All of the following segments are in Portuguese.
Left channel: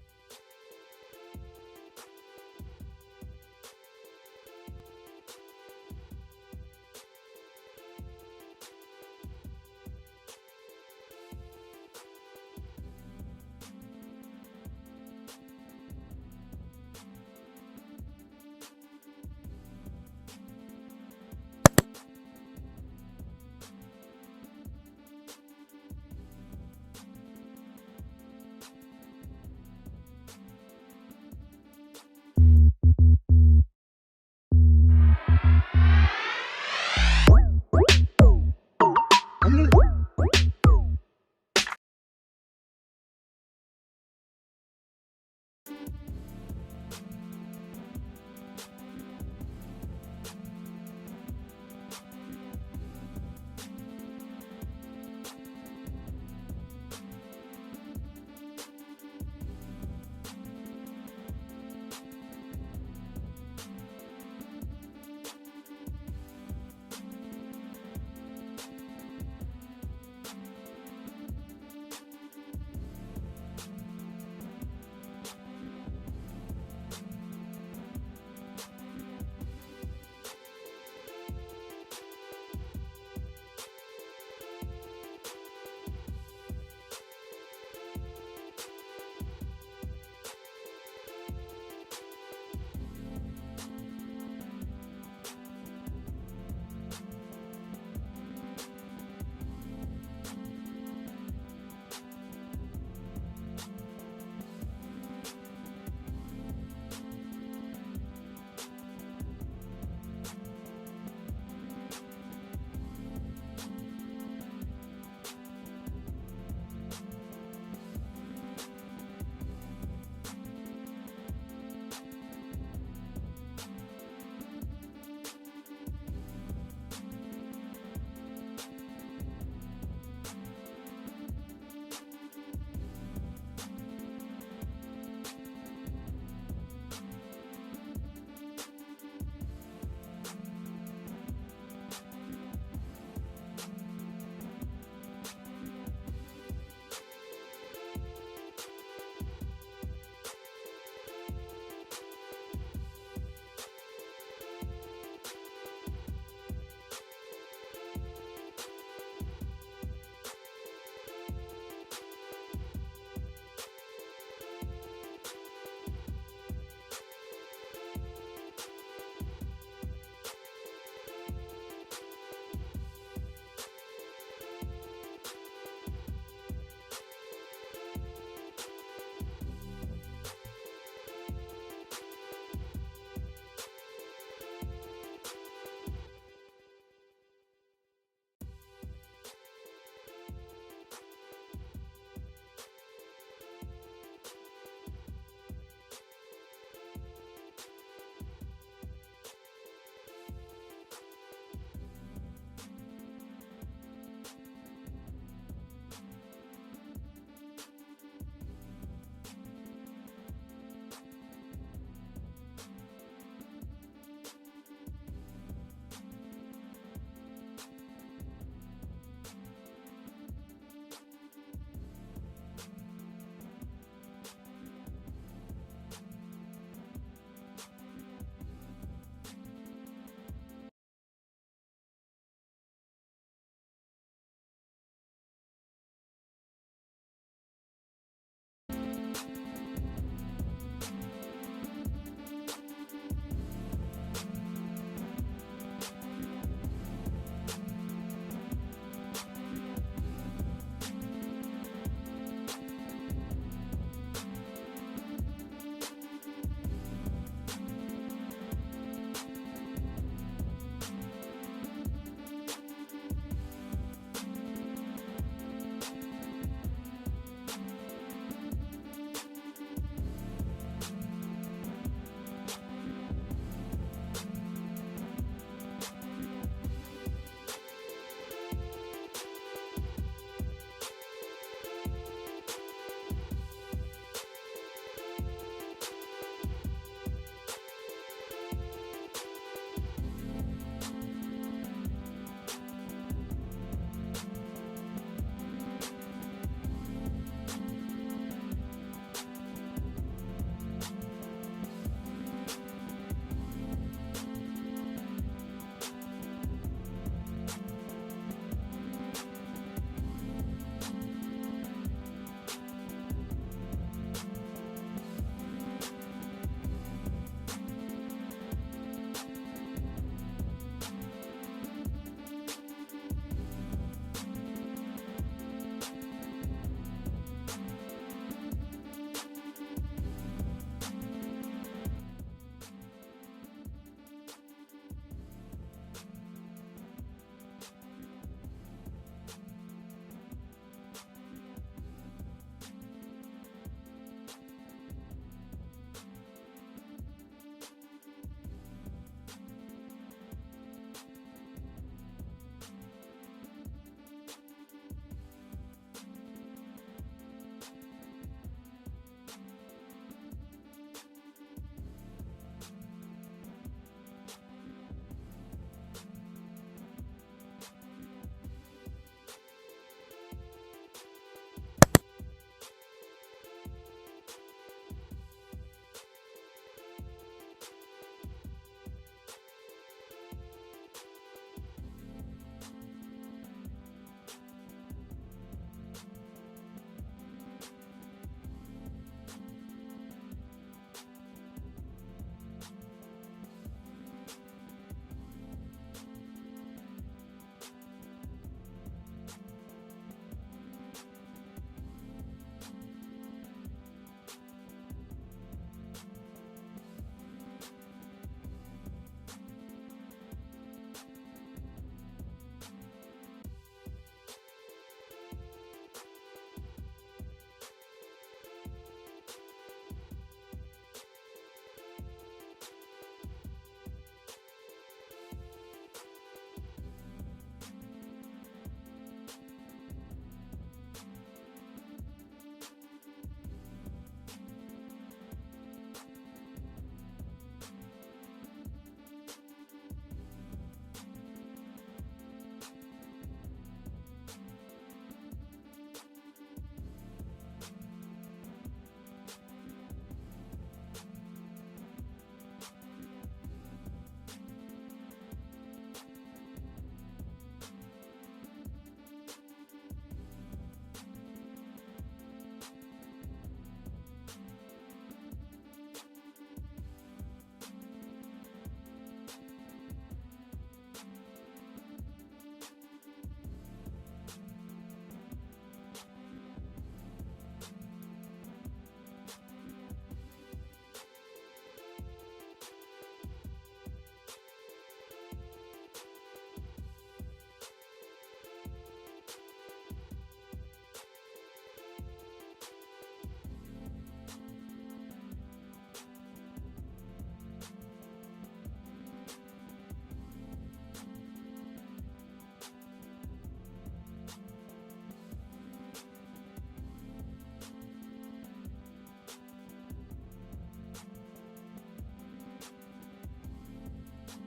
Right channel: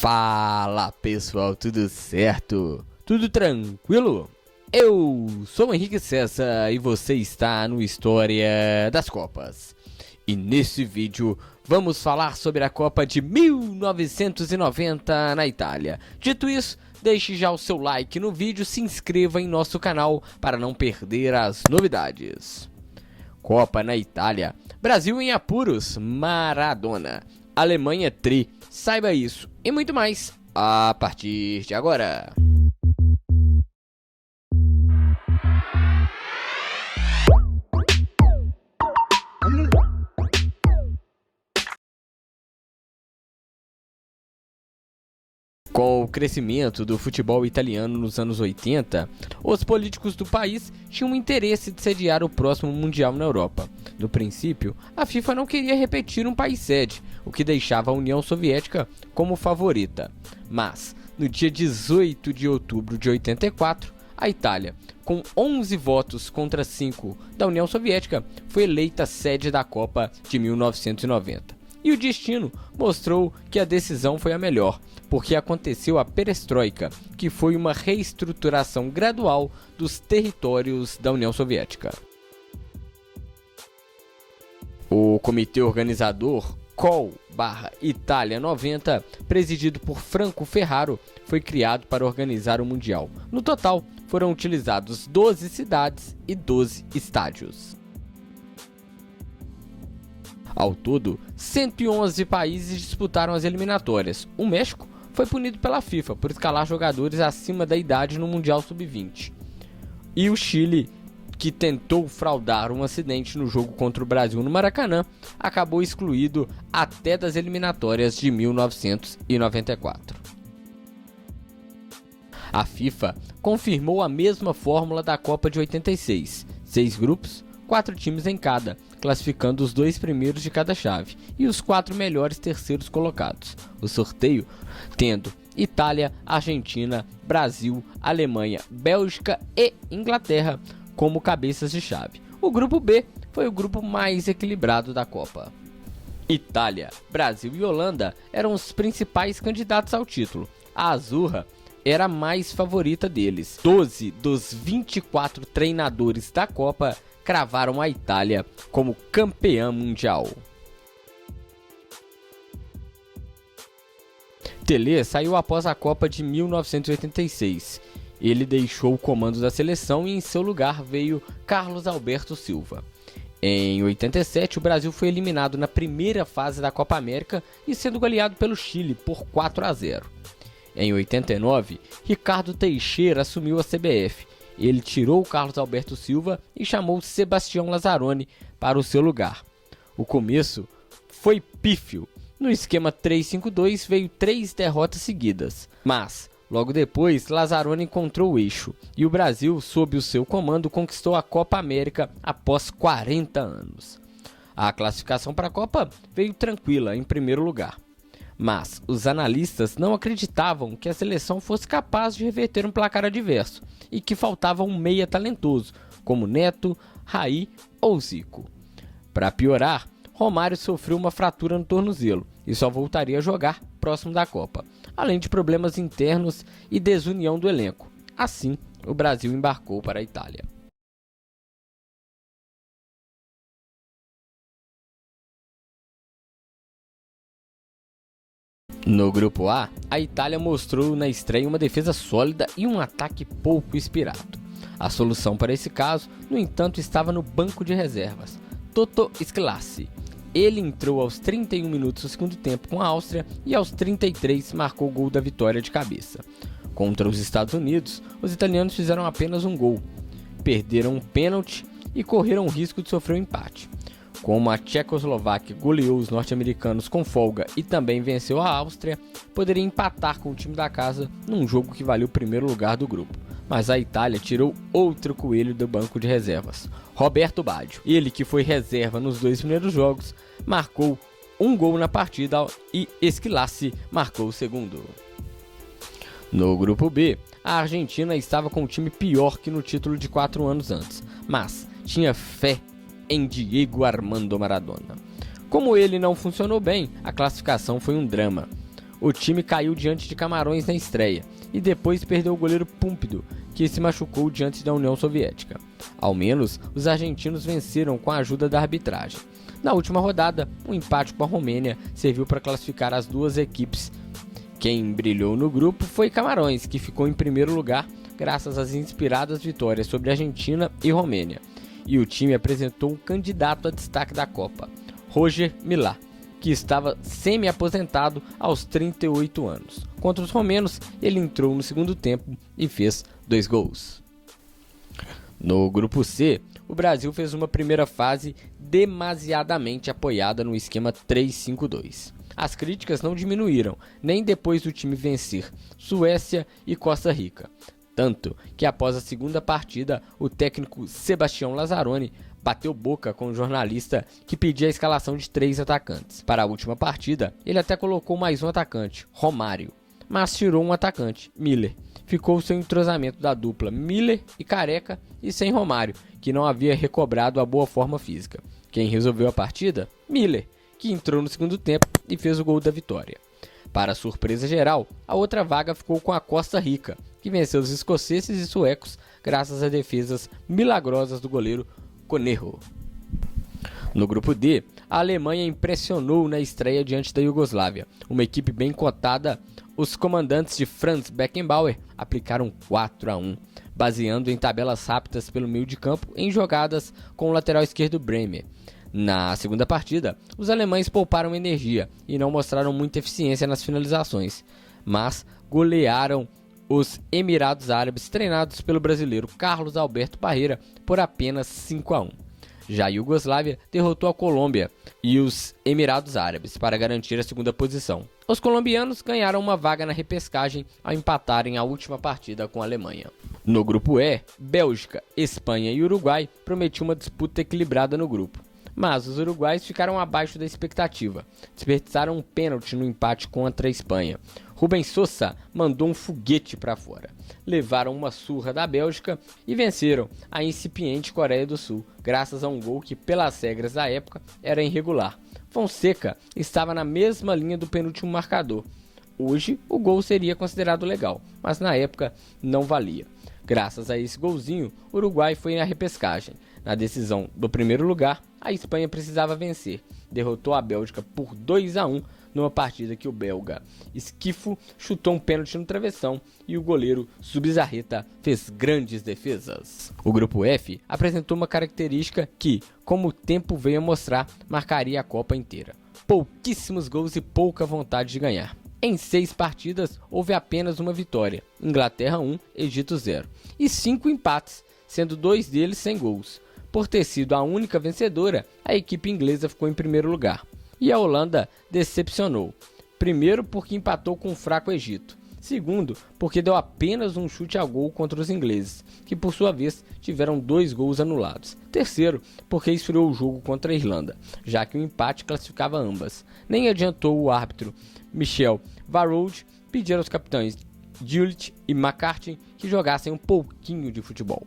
Fala pessoal, tudo certo? Tudo tranquilo? Eu sou o Henrique César e você está no História das Copas. E nesse vídeo vamos falar sobre a Copa de 1990 na Itália. Dito isso, deixe já o seu like no vídeo e se inscreva em nosso canal para não perder as novidades. Copa na Itália, Brasil em apuros, Maradona, Alemanha tri, saiba isso e muito mais a partir de agora. Com o crescimento do futebol italiano nos anos 80, os políticos do país tinham interesse de sediar o próximo Mundial na Europa. No princípio, a FIFA não queria repetir um país sede, o que deixava a União Soviética como favorita. Mas, no dia 18 de outubro de 84, a Itália, com 11 votos contra 5 da União Soviética, foi eleita sede da Copa de 1990. E o destino mostrou que a decisão foi a melhor, porque aconteceu a perestroika, que foi uma reestruturação gradual dos territórios da União Soviética. O comitê organizador COL/Itália 90, presidido por Franco Ferraro, foi criado para organizar o Mundial. No total, foram utilizados 12 cidades e 12 estádios. Ao todo, 111 países disputaram as eliminatórias. O México foi punido pela FIFA por escalar jogadores acima da idade no Mundial Sub-20. E o Chile, que tentou fraudar um acidente no jogo contra o Brasil no Maracanã, acabou excluído até das eliminatórias de 1994. A FIFA confirmou a mesma fórmula da Copa de 86, 6 grupos, 4 times em cada, classificando os 2 primeiros de cada chave e os 4 melhores terceiros colocados. O sorteio tendo Itália, Argentina, Brasil, Alemanha, Bélgica e Inglaterra como cabeças de chave. O grupo B foi o grupo mais equilibrado da Copa. Itália, Brasil e Holanda eram os principais candidatos ao título. A Azurra era a mais favorita deles. 12 dos 24 treinadores da Copa cravaram a Itália como campeã mundial. Pelé saiu após a Copa de 1986. Ele deixou o comando da seleção e em seu lugar veio Carlos Alberto Silva. Em 87, o Brasil foi eliminado na primeira fase da Copa América e sendo goleado pelo Chile por 4-0. Em 89, Ricardo Teixeira assumiu a CBF. Ele tirou Carlos Alberto Silva e chamou Sebastião Lazzaroni para o seu lugar. O começo foi pífio. No esquema 3-5-2 veio 3 derrotas seguidas, mas logo depois Lazzaroni encontrou o eixo e o Brasil, sob o seu comando, conquistou a Copa América após 40 anos. A classificação para a Copa veio tranquila em primeiro lugar, mas os analistas não acreditavam que a seleção fosse capaz de reverter um placar adverso e que faltava um meia talentoso, como Neto, Raí ou Zico. Para piorar, Romário sofreu uma fratura no tornozelo e só voltaria a jogar próximo da Copa, além de problemas internos e desunião do elenco. Assim, o Brasil embarcou para a Itália. No grupo A, a Itália mostrou na estreia uma defesa sólida e um ataque pouco inspirado. A solução para esse caso, no entanto, estava no banco de reservas, Toto Schillaci. Ele entrou aos 31 minutos do segundo tempo com a Áustria e aos 33 marcou o gol da vitória de cabeça. Contra os Estados Unidos, os italianos fizeram apenas um gol, perderam um pênalti e correram o risco de sofrer um empate. Como a Tchecoslováquia goleou os norte-americanos com folga e também venceu a Áustria, poderia empatar com o time da casa num jogo que valia o primeiro lugar do grupo. Mas a Itália tirou outro coelho do banco de reservas, Roberto Baggio. Ele, que foi reserva nos 2 primeiros jogos, marcou um gol na partida e Schillaci marcou o segundo. No grupo B, a Argentina estava com um time pior que no título de 4 anos antes, mas tinha fé em Diego Armando Maradona. Como ele não funcionou bem, a classificação foi um drama. o time caiu diante de Camarões na estreia e depois perdeu o goleiro Púlpido, que se machucou diante da União Soviética. Ao menos, os argentinos venceram com a ajuda da arbitragem. Na última rodada, um empate com a Romênia serviu para classificar as duas equipes. Quem brilhou no grupo foi Camarões, que ficou em primeiro lugar graças às inspiradas vitórias sobre Argentina e Romênia. E o time apresentou um candidato a destaque da Copa, Roger Milá, que estava semi-aposentado aos 38 anos. Contra os romenos, ele entrou no segundo tempo e fez 2 gols. No grupo C, o Brasil fez uma primeira fase demasiadamente apoiada no esquema 3-5-2. As críticas não diminuíram, nem depois do time vencer Suécia e Costa Rica. Tanto que após a segunda partida, o técnico Sebastião Lazzaroni bateu boca com o jornalista que pedia a escalação de 3 atacantes. Para a última partida, ele até colocou mais um atacante, Romário, mas tirou um atacante, Miller. Ficou sem entrosamento da dupla Miller e Careca e sem Romário, que não havia recobrado a boa forma física. Quem resolveu a partida? Miller, que entrou no segundo tempo e fez o gol da vitória. Para surpresa geral, a outra vaga ficou com a Costa Rica, que venceu os escoceses e suecos graças a defesas milagrosas do goleiro Conejo. No grupo D, a Alemanha impressionou na estreia diante da Iugoslávia. Uma equipe bem cotada, os comandantes de Franz Beckenbauer aplicaram 4-1, baseando em tabelas rápidas pelo meio de campo em jogadas com o lateral esquerdo Bremer. Na segunda partida, os alemães pouparam energia e não mostraram muita eficiência nas finalizações, mas golearam os Emirados Árabes, treinados pelo brasileiro Carlos Alberto Parreira, por apenas 5-1. Já a Iugoslávia derrotou a Colômbia e os Emirados Árabes para garantir a segunda posição. Os colombianos ganharam uma vaga na repescagem ao empatarem a última partida com a Alemanha. No grupo E, Bélgica, Espanha e Uruguai prometiam uma disputa equilibrada no grupo. Mas os uruguaios ficaram abaixo da expectativa. Desperdiçaram um pênalti no empate contra a Espanha. Rubens Sosa mandou um foguete para fora. Levaram uma surra da Bélgica e venceram a incipiente Coreia do Sul, graças a um gol que, pelas regras da época, era irregular. Fonseca estava na mesma linha do penúltimo marcador. Hoje, o gol seria considerado legal, mas na época não valia. Graças a esse golzinho, o Uruguai foi na repescagem. Na decisão do primeiro lugar, a Espanha precisava vencer. Derrotou a Bélgica por 2-1 numa partida que o belga Esquifo chutou um pênalti no travessão e o goleiro Zubizarreta fez grandes defesas. O grupo F apresentou uma característica que, como o tempo veio a mostrar, marcaria a Copa inteira. Pouquíssimos gols e pouca vontade de ganhar. Em 6 partidas, houve apenas uma vitória, Inglaterra 1, Egito 0, e 5 empates, sendo 2 deles sem gols. Por ter sido a única vencedora, a equipe inglesa ficou em primeiro lugar. E a Holanda decepcionou. Primeiro, porque empatou com o fraco Egito. Segundo, porque deu apenas um chute a gol contra os ingleses, que por sua vez tiveram 2 gols anulados. Terceiro, porque esfriou o jogo contra a Irlanda, já que o empate classificava ambas. Nem adiantou o árbitro Michel Varroud pedir aos capitães Gullit e McCarthy que jogassem um pouquinho de futebol.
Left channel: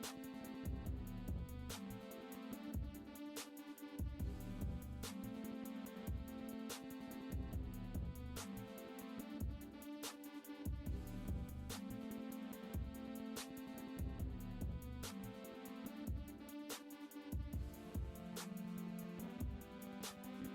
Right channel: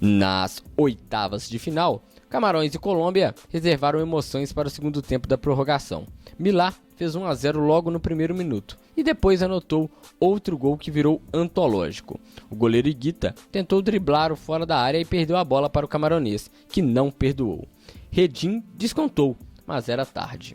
Nas oitavas de final, Camarões e Colômbia reservaram emoções para o segundo tempo da prorrogação. Milá fez 1-0 logo no primeiro minuto e depois anotou outro gol que virou antológico. O goleiro Higuita tentou driblar o fora da área e perdeu a bola para o camaronês, que não perdoou. Redin descontou, mas era tarde.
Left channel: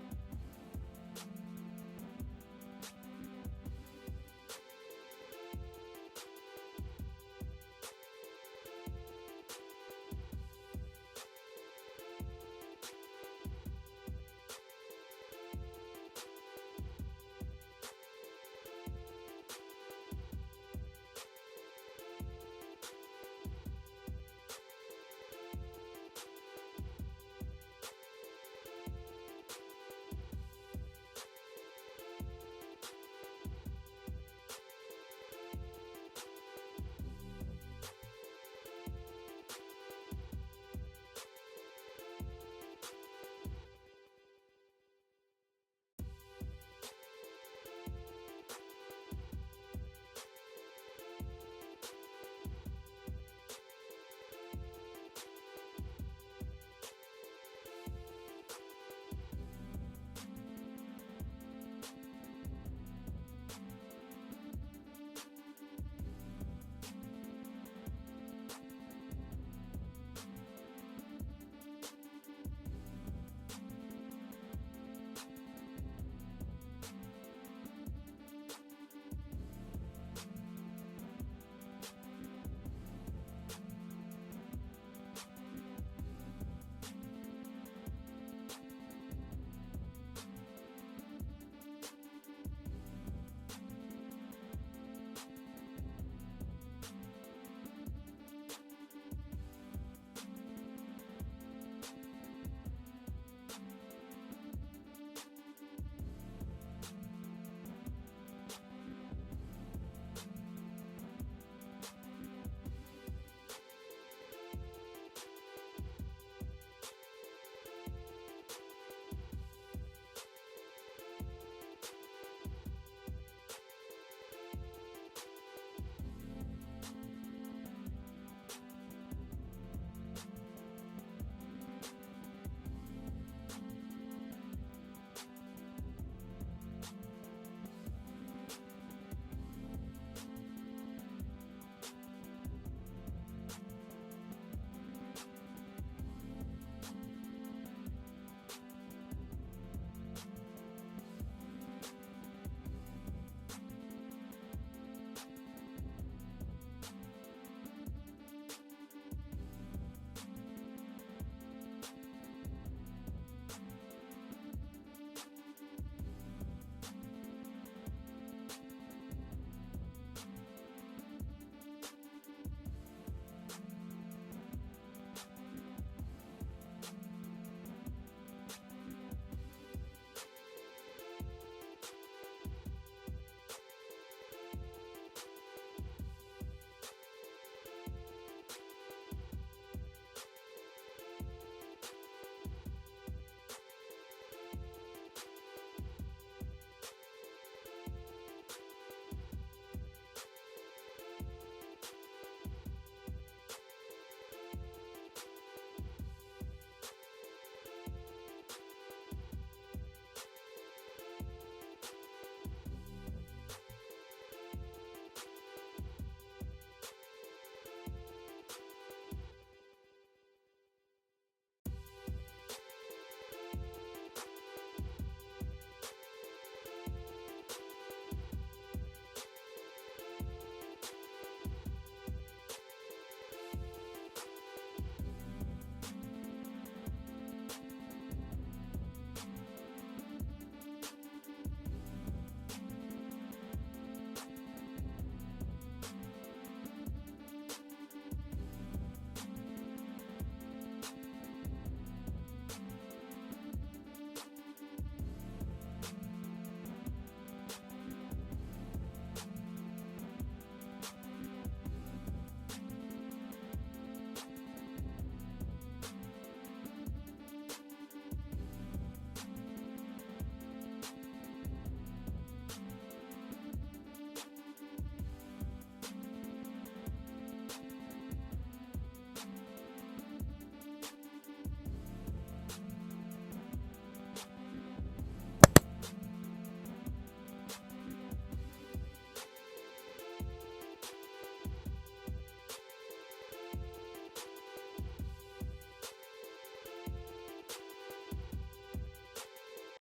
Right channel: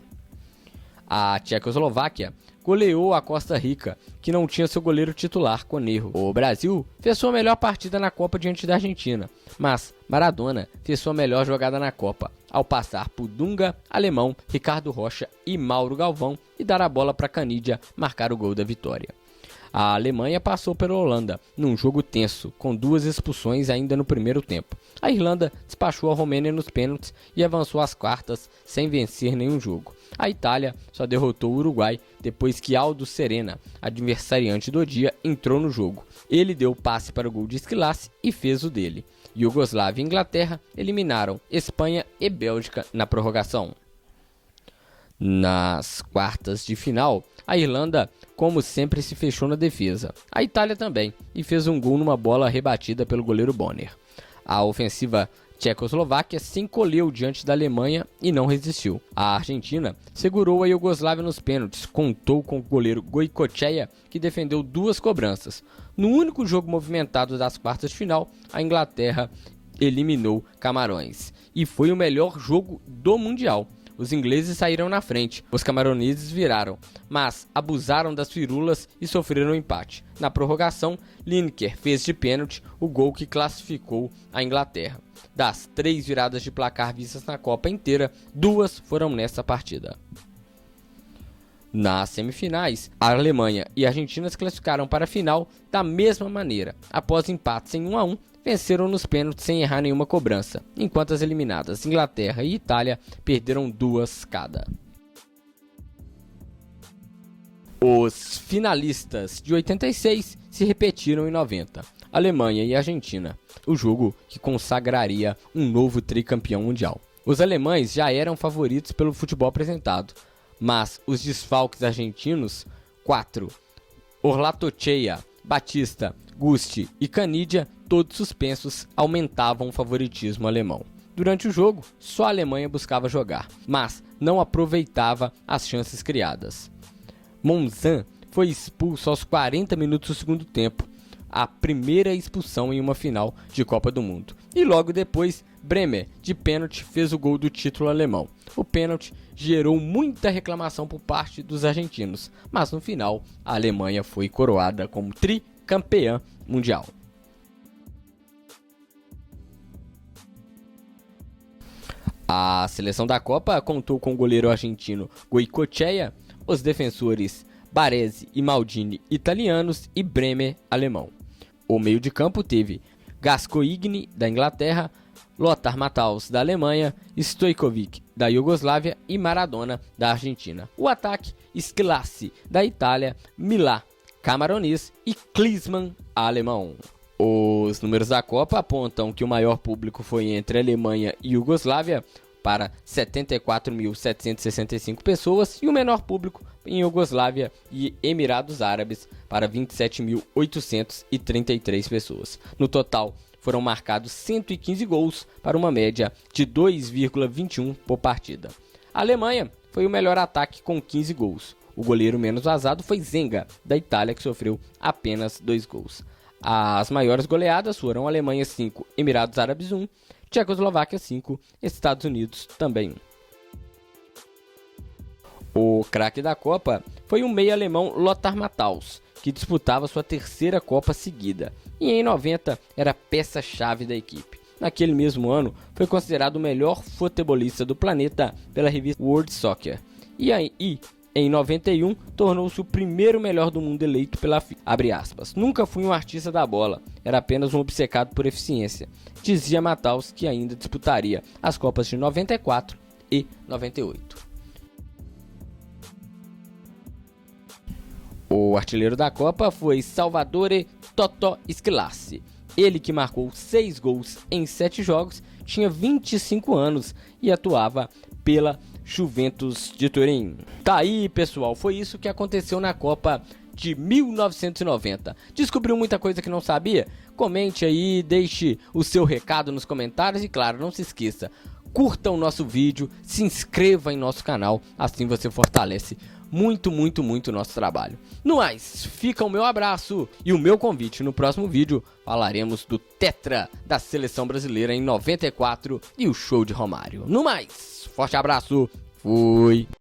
A Tchecoslováquia goleou a Costa Rica, que não tinha seu goleiro titular, Conejo. O Brasil fez sua melhor partida na Copa diante da Argentina, mas Maradona fez sua melhor jogada na Copa, ao passar por Dunga, Alemão, Ricardo Rocha e Mauro Galvão e dar a bola para Canidia marcar o gol da vitória. A Alemanha passou pela Holanda, num jogo tenso, com 2 expulsões ainda no primeiro tempo. A Irlanda despachou a Romênia nos pênaltis e avançou às quartas sem vencer nenhum jogo. A Itália só derrotou o Uruguai depois que Aldo Serena, adversariante do dia, entrou no jogo. Ele deu o passe para o gol de Squillaci e fez o dele. Iugoslávia e Inglaterra eliminaram Espanha e Bélgica na prorrogação. Nas quartas de final, a Irlanda, como sempre, se fechou na defesa. A Itália também, e fez um gol numa bola rebatida pelo goleiro Bonner. A ofensiva Tchecoslováquia se encolheu diante da Alemanha e não resistiu. A Argentina segurou a Iugoslávia nos pênaltis, contou com o goleiro Goicoechea, que defendeu 2 cobranças. No único jogo movimentado das quartas de final, a Inglaterra eliminou Camarões. E foi o melhor jogo do Mundial. Os ingleses saíram na frente, os camaroneses viraram, mas abusaram das firulas e sofreram um empate. Na prorrogação, Lineker fez de pênalti o gol que classificou a Inglaterra. Das 3 viradas de placar vistas na Copa inteira, 2 foram nessa partida. Nas semifinais, a Alemanha e a Argentina se classificaram para a final da mesma maneira. Após empates em 1-1, venceram nos pênaltis sem errar nenhuma cobrança, enquanto as eliminadas Inglaterra e Itália perderam 2 cada. Os finalistas de 86 se repetiram em 90, Alemanha e Argentina, o jogo que consagraria um novo tricampeão mundial. Os alemães já eram favoritos pelo futebol apresentado, mas os desfalques argentinos, 4, Orlatochea, Batista, Gusti e Canidia, todos suspensos, aumentavam o favoritismo alemão. Durante o jogo, só a Alemanha buscava jogar, mas não aproveitava as chances criadas. Monzan foi expulso aos 40 minutos do segundo tempo, a primeira expulsão em uma final de Copa do Mundo. E logo depois, Bremer, de pênalti, fez o gol do título alemão. O pênalti gerou muita reclamação por parte dos argentinos, mas no final a Alemanha foi coroada como tricampeã mundial. A seleção da Copa contou com o goleiro argentino Goicoechea, os defensores Baresi e Maldini italianos e Bremer alemão. O meio de campo teve Gascoigne da Inglaterra, Lothar Matthaus da Alemanha, Stojkovic da Iugoslávia e Maradona da Argentina. O ataque, Schillaci da Itália, Milá camaronês e Klinsmann alemão. Os números da Copa apontam que o maior público foi entre Alemanha e Iugoslávia, para 74.765 pessoas, e o menor público em Iugoslávia e Emirados Árabes, para 27.833 pessoas. No total, foram marcados 115 gols, para uma média de 2,21 por partida. A Alemanha foi o melhor ataque com 15 gols. O goleiro menos vazado foi Zenga, da Itália, que sofreu apenas 2 gols. As maiores goleadas foram Alemanha 5, Emirados Árabes 1, Tchecoslováquia 5, Estados Unidos também 1. O craque da Copa foi o meia alemão Lothar Matthaus, que disputava sua 3ª Copa seguida, e em 90 era peça-chave da equipe. Naquele mesmo ano, foi considerado o melhor futebolista do planeta pela revista World Soccer, e em 91 tornou-se o primeiro melhor do mundo eleito pela FIFA. Abre aspas. Nunca fui um artista da bola, era apenas um obcecado por eficiência, dizia Matthaus, que ainda disputaria as Copas de 94 e 98. O artilheiro da Copa foi Salvatore Totò Schillaci. Ele, que marcou 6 gols em 7 jogos, tinha 25 anos e atuava pela Juventus de Turim. Tá aí, pessoal, foi isso que aconteceu na Copa de 1990. Descobriu muita coisa que não sabia? Comente aí, deixe o seu recado nos comentários e, claro, não se esqueça, curta o nosso vídeo, se inscreva em nosso canal, assim você fortalece muito o nosso trabalho. No mais, fica o meu abraço e o meu convite. No próximo vídeo falaremos do tetra da seleção brasileira em 94 e o show de Romário. No mais, forte abraço, fui!